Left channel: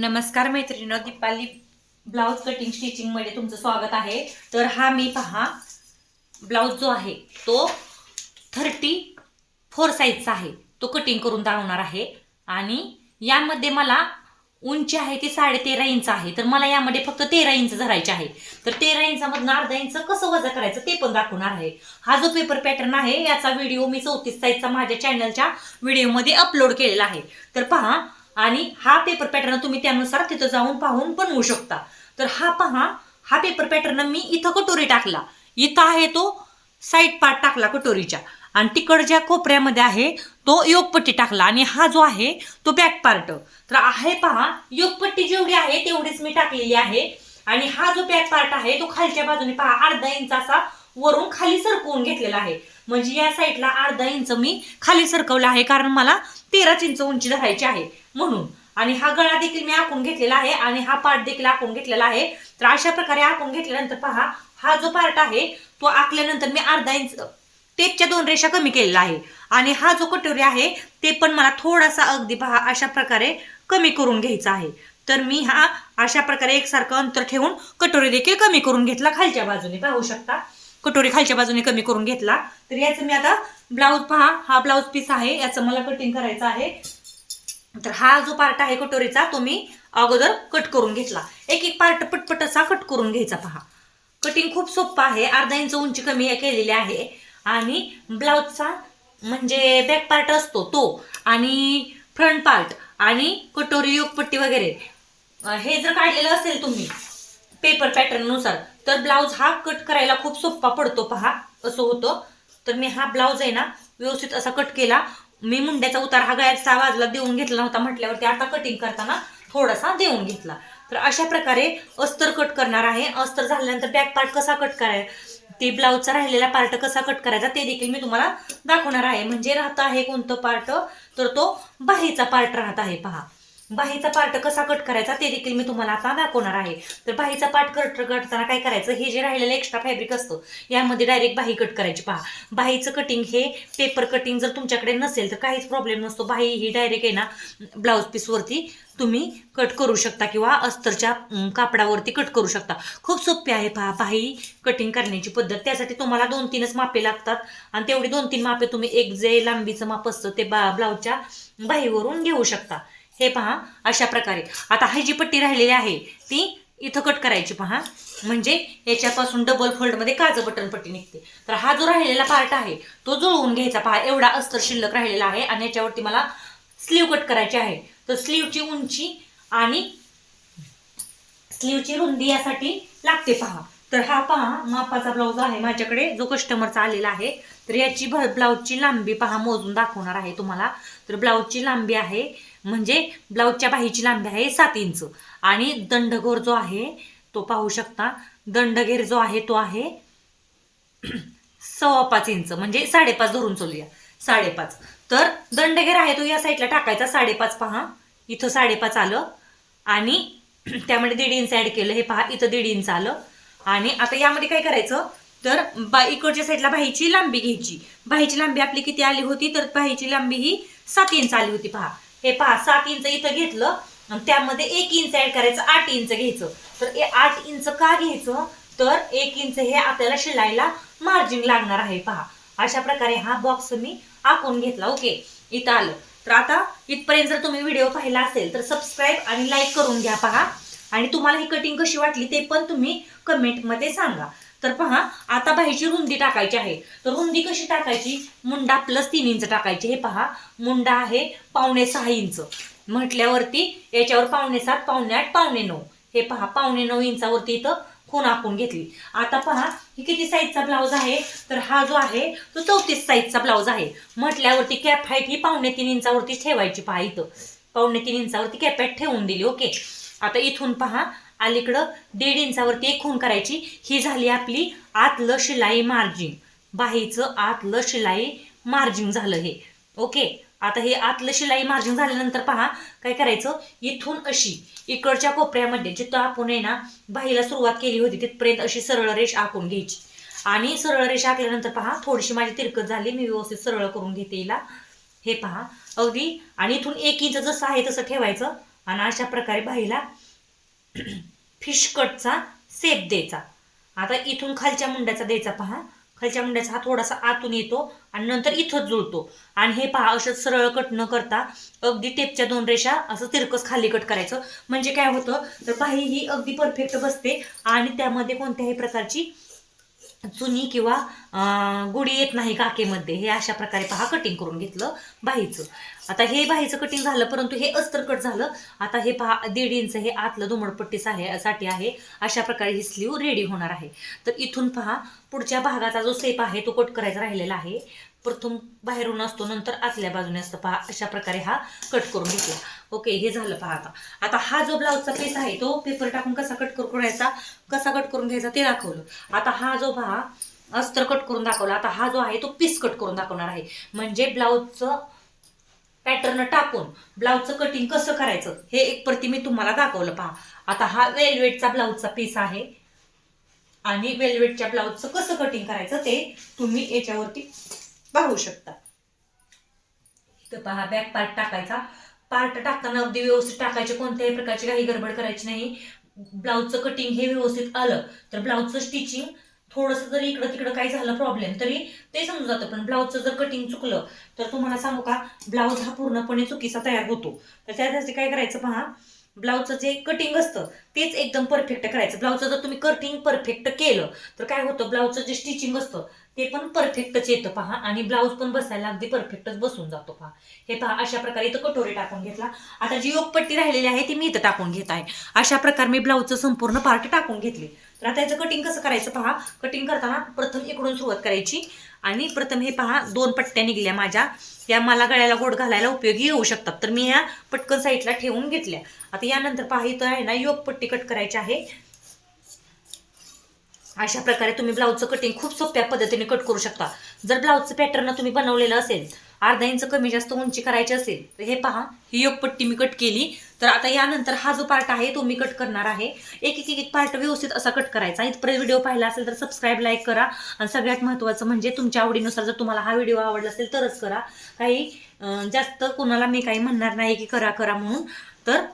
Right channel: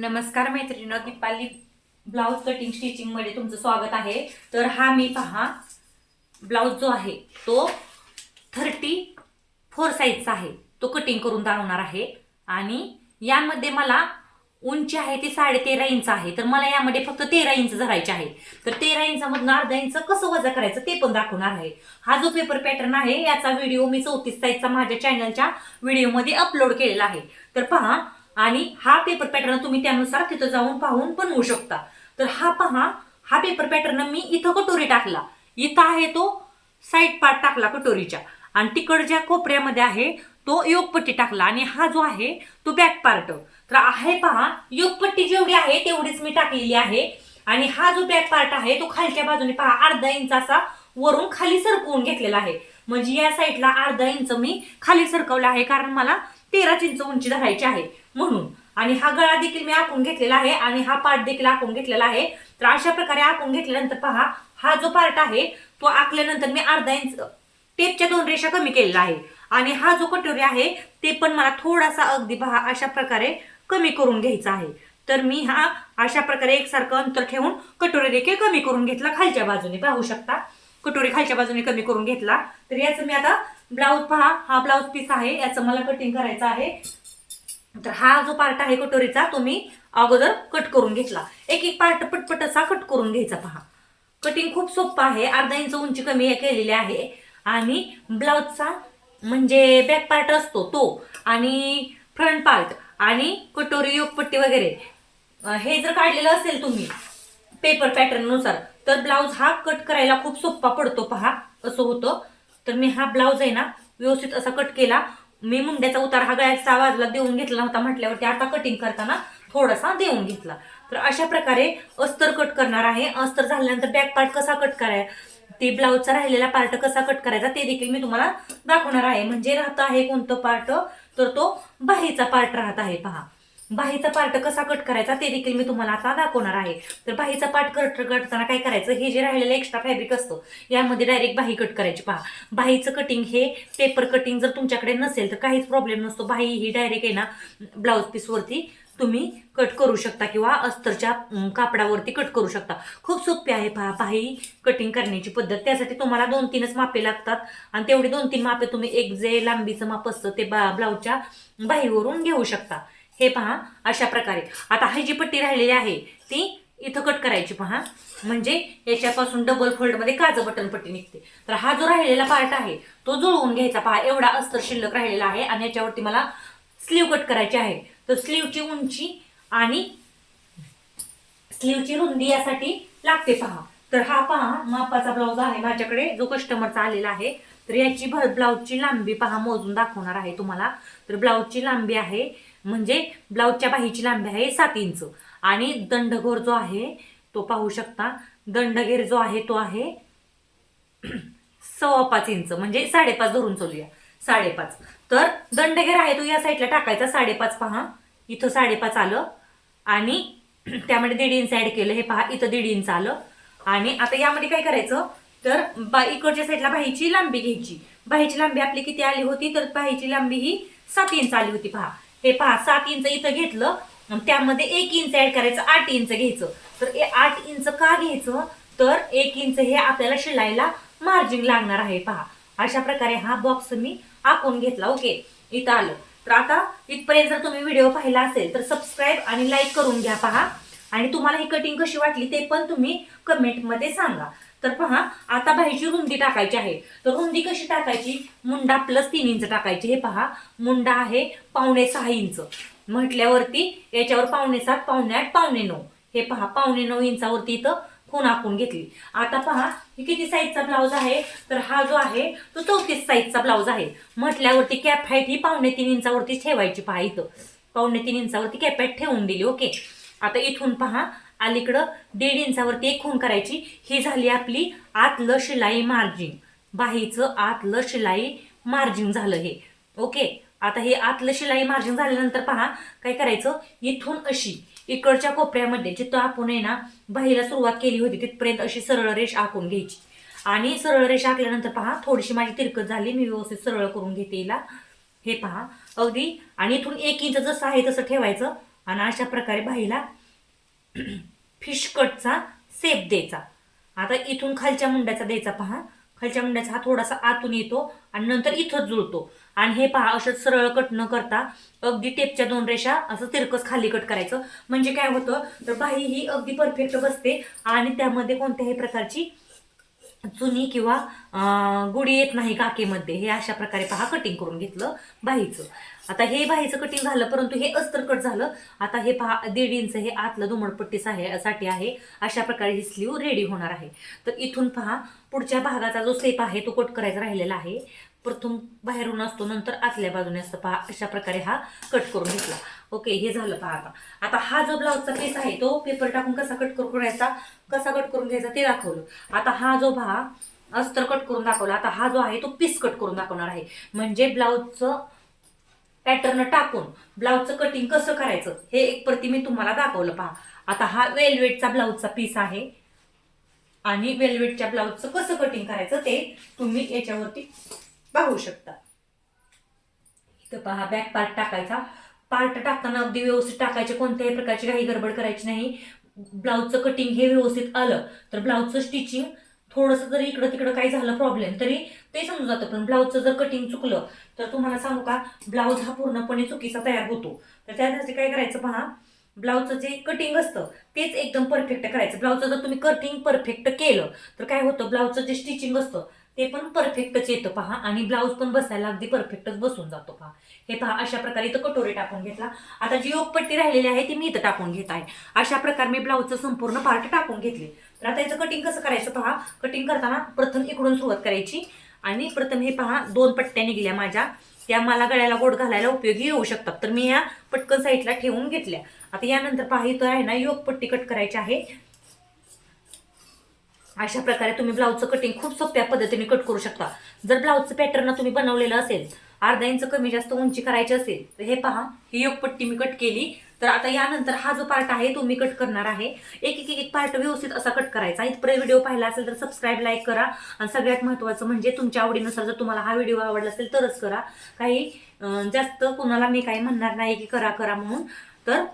नमस्कार मैत्रिणी Deepali blouse cutting स्टिचिंगमध्ये तुमचं स्वागत आहे. तर हा मी पहा ब्लाऊज जो आहे तो थर्टी फोर साईजचा आहे. तो कटिंग करून दाखवणार आहे. आणि यामध्ये मला उंची आहे ती साडे तेरा इंच आहे. तर मला यामध्ये फक्त तेरा इंच धरायचे आहे. तर तेरा इंचामधून अर्धा इंच कसं वजा करायचं ते पण दाखवणार आहे. हा जो पेपर पॅटर्न आहे याचा व्हिडिओ मी चौतीस साईजचा माझ्या चॅनलच्या व्हिडिओमध्ये अपलोड केलेला आहे. तर पहा आणि हा पेपर पॅटर्न तुम्ही त्यानुसार तिथं जाऊन पाहून बनवू शकता. तर हा पहा हा पेपर पॅटर्न मी इथं कटोरी टाकला. इथं आहे तो साईड पार्ट टाकला कटोरीच्या. आणि तिकड ज्या कोपऱ्यामध्ये आहे तो योगपट्टी टाकला. आणि हा जो आहे तो बॅक पार्ट तर आहे पहा योगपट्टी जेवढी आहे तेवढीच मी टाकलेली आहे. आणि हा जो बॅक पार्ट आहे तो खालच्या बाजूने पहा अर्धा इंच असा वरून खाली सरकवून घेतलेला आहे. म्हणजे या साईडला अर्धा इंच मी खाली सरकवला आहे कारण मला तेराच इंच उंची धरायची आहे म्हणून. आणि हा गळा देखील मी आखून घेतलेला आहे आणि हा पार्ट देखील आखून घेतलेला आहे. तर अशा प्रकारे आखून घेतल्यानंतर पहा हा जो पार्ट आहे तो आखल्यानंतर मी अर्धा इंच टेपच्या दोन रेषा कमी केलेला आहे. आणि हा जो कटोरी आहे ते पण मला थोडासा अगदी पहा अशा प्रकारे कमी करून घ्यायचा आहे. तर मी हा अशा प्रकारे एकसारखं अंतर ठेवून कटोरी देखील कमी करून घेतला खालच्या बाजूने. पाहू शकता? कटोरी खालच्या बाजूने कमी करून घेतला. तर याचं मी आता ब्लाऊज पहा हा ब्लाऊज पीस आहे याचं मला कटिंग करायचं आहे. तर हा जो पार्ट आहे कटोरीचा तो मी अगोदर कट करून घेतला. एक एक पार्ट पटपट असा कट करून घ्यायचा पहा. कटिंग खूप सोपं आहे अर्धा इंच उंची कमी केलेली आहे. आणि ब्लाऊजचा म्हणजे बॅक पार्ट असतो तो आणि फ्रंट पार्ट आणि कटोरी योगपट्टी वगैरे. हे जर काढलेलं असेल तुम्ही पेपर पॅटर्ननुसार तर ब्लाऊज हा कट करायला खूप सोपा पडतो पहा. असं होतं. तर मी हा ब्लाऊज आहे ना व्यवस्थित असा कट केला. मी मुंड्याचा उतार हा गाय सहा वाजला देऊन घेतला नव्हता म्हटल्यावरती आता कटिंग करताना थोडासा देऊन घेतला. तर अशा प्रकारे अस्तर कट करणार आहे. अस्तर झाल्यानंतर बॅक पार्ट कसा कट करायचा ते ब्लाऊजचा राहिलेला पार्ट कसा कट करायचा ते देखील मी तुम्हाला दाखवणार आहे. म्हणजे राहत आहे कोणतं पार्ट तर तो बाहेरचा पार्ट राहत आहे पहा. बाहीचा पार्ट कसा कट करायचा ते देखील मी तुम्हाला आता दाखवणार आहे. तर बाहीचा पार्ट कट करताना काय करायचं हे जे राहिलेलं एक्स्ट्रा फॅब्रिक असतं यामध्ये डायरेक्ट बाही कट करायची. पहा बाहीचं कटिंग हे पेपर कटिंग जर तुमच्याकडे नसेल तर काहीच प्रॉब्लेम नसतो. बाही ही डायरेक्ट आहे ना ब्लाऊज पीसवरती तुम्ही कट करू शकता किंवा अस्तरच्या कापडावरती कट करू शकता. खूप सोपी आहे पहा बाही कटिंग करण्याची पद्धत. त्यासाठी तुम्हाला दोन तीनच मापे लागतात आणि तेवढी दोन तीन मापे तुम्ही एक जे लांबीचं माप असतं ते बा ब्लाऊजच्या बाहीवरून घेऊ शकता. हे पहा अशा प्रकारे. आता ही जी पट्टी राहिलेली आहे ती इथं कट करायची पहा. म्हणजे याच्यापासून डबल फोल्डमध्ये काजं बटन पट्टी निघते. तर हा जो राहिलेला पार्ट आहे तो जुळवून घ्यायचा पहा. एवढा अस्तर शिल्लक राहिलेला आहे आणि याच्यावरती मला स्लीव कट करायची आहे. तर स्लीवची उंची आणि स्लीवची रुंदी यासाठी लागते पहा. तर हा पहा मापाचा ब्लाऊज आहे माझ्याकडे. जो कस्टमरचा आलेला आहे. तर याची ब्लाऊजची लांबी पहा मोजून दाखवणार आहे तुम्हाला. तर ब्लाऊजची लांबी आहे म्हणजे ब्लाऊजच्या बाहीची लांबी आहे सात इंच. आणि दंडगोर जो आहे तो पाहू शकता. दंडगेर जो आहे तो आहे सव्वा पाच इंच. म्हणजे साडेपाच धरून चलूया. साडेपाच. तर दंडगेर आहे तो या साईडला टाकायचा. साडेपाच पहा. इथं साडेपाच आलं. आणि त्यामध्ये दीड इंच ऍड केलं. हे पहा इथं दीड इंच आलं. आणि आता यामध्ये काय करायचं? तर बा इकडच्या साईडला बाहीची लांबी घ्यायची. बाहीची लांबी आपली किती आली होती? तर बाहीची लांबी ही सात इंच आली होती पहा. हे पहा सात इंच इथं घेतलं आणि त्यामध्ये एक इंच ऍड करायचं आठ इंच घ्यायचं. तर हे आठ इंच का घ्यायचं? तर एक इंच हे आपल्याला शिलायला मार्जिन लागणार आहे पहा. अशा प्रकारे हा बॉक्स मी आखून घेतला ओके? इथं आलं. तर आता इथपर्यंत जर तुम्ही व्हिडिओ पाहिला असेल तर सबस्क्राईब आणि लाईक करून घ्या पहा. आणि तुम्हाला ही कटिंग कशी वाटली ते पण तुम्ही कमेंटमध्ये सांगा. तर पहा आता बाहीची रुंदी टाकायची आहे. तर रुंदी कशी टाकायची? मुंडा प्लस तीन इंच टाकायची. हे पहा मुंडा आहे पावणे सहा इंच. म्हटल्यावरती याच्यावर पावणे सात पावणे आठ पावणे नऊ. हे पहा पावणे नऊ इंचावरती इथं खून आखून घेतली. आता पहा ही किती साईजचा ब्लाऊज आहे? तर हा जो आहे तो चौतीस साईजचा ब्लाऊज आहे. म्हटल्यावरती कॅप हाईट ही पावणे तीन इंचावरती ठेवायची पहा इथं. पावणे तीन इंचावरती कॅप हाईट ठेवून दिली ओके आता इथून पहा अलीकडं दीड इंचावरती एक खून करायची. ही झाली आपली आतलं शिलाई मार्जिन बाहीचं आतलं शिलाई मार्जिन झालं हे. ओके? आता हे आतलं शिलाई मार्जिन झाल्यानंतर पहा काय करायचं? इथून अशी इकडच्या कोपऱ्यामध्ये जिथं आपण आहे ना बाहीला सुरुवात केली होती तिथपर्यंत अशी सरळ रेष आखून घ्यायची. आणि सरळ रेष आखल्यानंतर पहा थोडीशी माझी तिरकत झाली मी व्यवस्थित सरळ करून घेते हिला. हे पहा अगदी आणि इथून एक इंच जसं आहे तसं ठेवायचं. आणि अशा प्रकारे बाईला फिश कटचा सेप द्यायचा. आता इथून खालच्या मुंड्याचा द्यायचा पहा. खालच्या मुंड्याचा हा थोडासा आतून येतो आणि नंतर इथं जुळतो. आणि हे पहा असं सरळ कट न करता अगदी टेपच्या दोन रेषा असं तिरकस खाली कट करायचं. म्हणजे काय होतं? तर बाही ही अगदी परफेक्ट बसते आणि त्यामध्ये कोणत्याही प्रकारची चुनी किंवा गुडी गुढी येत नाही काकेमध्ये. हे अशा प्रकारे पहा कटिंग करून घेतलं बाहीचं आता हे बाहेरचं कटिंग झालं परंतु हे अस्तर कट झालं. आता हे पहा दीड इंच हे आतलं दुमडपट्टी आहे साठी आहे. अशा प्रकारे ही स्लीव रेडी होणार आहे. तर इथून पहा पुढच्या भागाचा जो सेप आहे तो कट करायचा राहिलेला आहे. प्रथम बाहेरून असतो नंतर आतल्या बाजूने असतं पहा अशा प्रकारे हा कट करून घेतला. ओके हे झालं पहा आता. आता हा जो ब्लाऊजचा पीस आहे तो पेपर टाकून कसा कट करून करायचा? कसा कट करून घ्यायचा ते दाखवलं. आता हा जो पहा अस्तर कट करून दाखवला. आता हा जो आहे तो पीस कट करून दाखवणार आहे. म्हणजे ब्लाऊजचं पॅटर्न टाकून ब्लाऊजचं कटिंग कसं करायचं? हे एक प्रति मी तुम्हाला दाखवलं पहा. आता हा वेलवेटचा ब्लाऊजचा पीस आहे. आणि वेलवेटच्या ब्लाऊजचं कसं कटिंग करायचं ते तुम्ही याच्यावरती पाहू शकता. तर पहा बॅक पार्ट टाकायचा. पार्ट टाकताना अगदी व्यवस्थित टाकायचे. कोणत्याही प्रकारची काही गडबड करायची नाही. ब्लाऊजचं कटिंग हे व्यवस्थित आलं. तर ब्लाऊजचं स्टिचिंग थोडंसं जरी इकडं तिकडं काही झालं प्रॉब्लेम तरी ते समजून जातं. पण ब्लाऊजचं जर कटिंग चुकलं तर तुम्हाला सांगू का ब्लाऊज हा पूर्णपणे चुकीचा तयार होतो. तर त्यासाठी काय करायचं पहा ब्लाऊजचं जे कटिंग असतं तेच एकदम परफेक्ट करायचं. ब्लाऊजचं जर तुम्ही कटिंग परफेक्ट केलं तर काय होतं ब्लाऊजचं जे स्टिचिंग असतं ते पण परफेक्टच येतं पहा. आणि ब्लाऊज पण बसायला अगदी परफेक्टच बसून जातो पहा. हे पहा अशा प्रकारे इथं कटोरी टाकून घेतला. आता जी योगपट्टी राहिलेली आहे ती मी इथं टाकून घेत आहे. अशा प्रकारे मी ब्लाऊजचं संपूर्ण पार्ट टाकून घेतली. तर आता याचं कटिंग कसं करायचं पहा. कटिंग करताना प्रथम इकडून सुरुवात करायची. आणि प्रथम हे पहा दोन पट्ट्या निघल्या माझ्या. त्या मला गळ्याला गोड घालायला उपयोगी येऊ शकतात. तर मी या पटकन साईडला ठेवून घेतल्या. आता यानंतर पहा इथं आहे ना योग पट्टी कट करायची आहे. अशा प्रकारे तुम्ही ब्लाऊजचं कटिंग खूप सोप्या पद्धतीने कट करू शकता. जर ब्लाऊजचं पॅटर्न तुम्ही बनवलेलं असेल अर्धा इंच कमी जास्त उंची करायची असेल तर हे पहा ही योगपट्टी मी कट केली. तर आता यानंतर हा जो पार्ट आहे तो मी कट करणार आहे. एक एक एक पार्ट व्यवस्थित असा कट करायचा. इथपर्यंत व्हिडिओ पाहिला असेल तर सबस्क्राईब लाईक करा. आणि सगळ्यात महत्त्वाचं म्हणजे तुमच्या आवडीनुसार जर तुम्हाला हा व्हिडिओ आवडला असेल तरच करा. काही जास्त कुणाला मी काही म्हणणार नाही की करा करा म्हणून. तर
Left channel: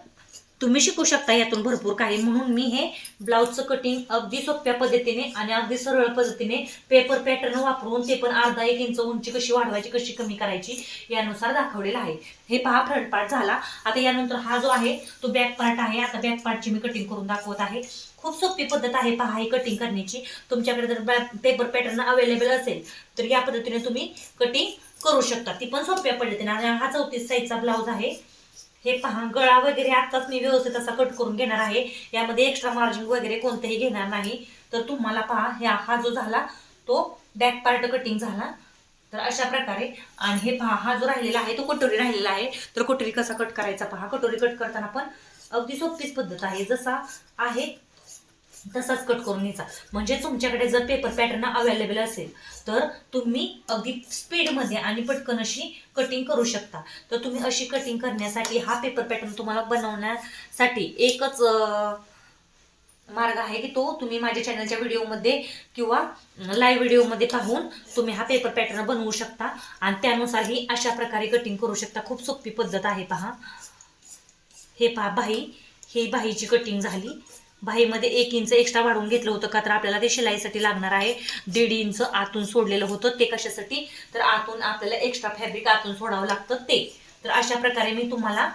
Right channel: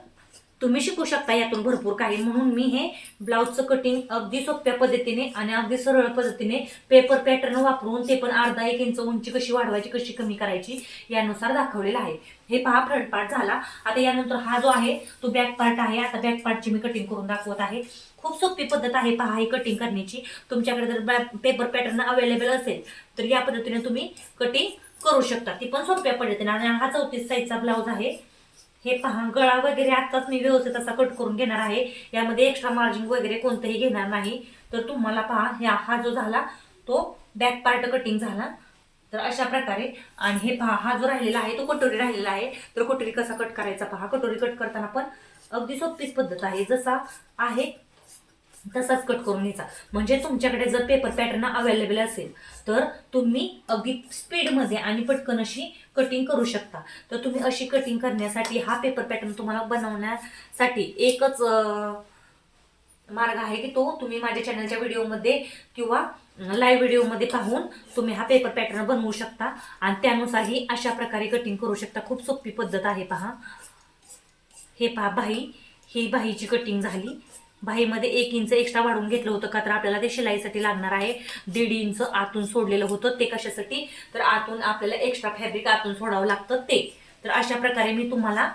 तुम्ही शिकू शकता यातून भरपूर काही. म्हणून मी हे ब्लाऊजचं कटिंग अगदी सोप्या पद्धतीने आणि अगदी सरळ पद्धतीने पेपर पॅटर्न वापरून ते पण अर्धा एक इंच उंची कशी वाढवायची कशी कमी करायची यानुसार दाखवलेलं आहे. हे पहा फ्रंट पार्ट झाला. आता यानंतर हा जो आहे तो बॅक पार्ट आहे. आता बॅक पार्टची मी कटिंग करून दाखवत आहे. खूप सोपी पद्धत आहे पहा ही कटिंग करण्याची. तुमच्याकडे जर पेपर पॅटर्न अवेलेबल असेल तर या पद्धतीने तुम्ही कटिंग करू शकता. ती पण सोप्या पद्धतीने. आणि हा चौतीस साईजचा ब्लाऊज आहे. हे पहा गळा वगैरे आत्ताच मी व्यवस्थित असा कट करून घेणार आहे. यामध्ये एक्स्ट्रा मार्जिन वगैरे कोणतेही घेणार नाही. तर तुम्हाला पहा ह्या हा जो झाला तो बॅक पार्ट कटिंग झाला. तर अशा प्रकारे आणि हे पहा हा जो राहिलेला आहे तो कटोरी राहिलेला आहे. तर कटोरी कसा कट करायचा पहा. कटोरी कट करताना पण अगदी सोपीच पद्धत आहे. जसा आहे तसाच कट करून घ्यायचा. म्हणजे तुमच्याकडे जर पेपर पॅटर्न अवेलेबल असेल तर तुम्ही अगदी स्पीडमध्ये आणि पटकन अशी कटिंग करू शकता. तर तुम्ही अशी कटिंग करण्यासाठी हा पेपर पॅटर्न तुम्हाला बनवण्यासाठी एकच मार्ग आहे की तो तुम्ही माझ्या चॅनलच्या व्हिडिओमध्ये किंवा लाईव्ह व्हिडिओमध्ये पाहून तुम्ही हा पेपर पॅटर्न बनवू शकता. आणि त्यानुसारही अशा प्रकारे कटिंग करू शकता. खूप सोपी पद्धत आहे पहा. हे पहा बाही ही बाहीची कटिंग झाली. बाहीमध्ये एक इंच एक्स्ट्रा वाढवून घेतलं होतं का तर आपल्याला ते शिलाईसाठी लागणार आहे. दीड इंच आतून सोडलेलं होतं ते कशासाठी? तर आतून आपल्याला एक्स्ट्रा फॅब्रिक आतून सोडावं लागतं ते. तर अशा प्रकारे मी तुम्हाला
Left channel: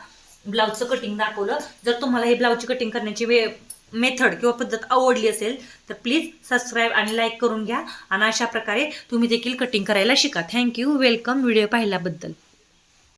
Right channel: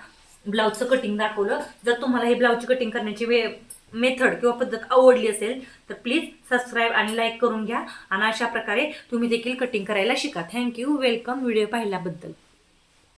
ब्लाऊजचं कटिंग दाखवलं. जर तुम्हाला हे ब्लाऊजची कटिंग करण्याची वे मेथड किंवा पद्धत आवडली असेल तर प्लीज सबस्क्राईब आणि लाईक करून घ्या. आणि अशा प्रकारे तुम्ही देखील कटिंग करायला शिका. थँक्यू वेलकम व्हिडिओ पाहिल्याबद्दल.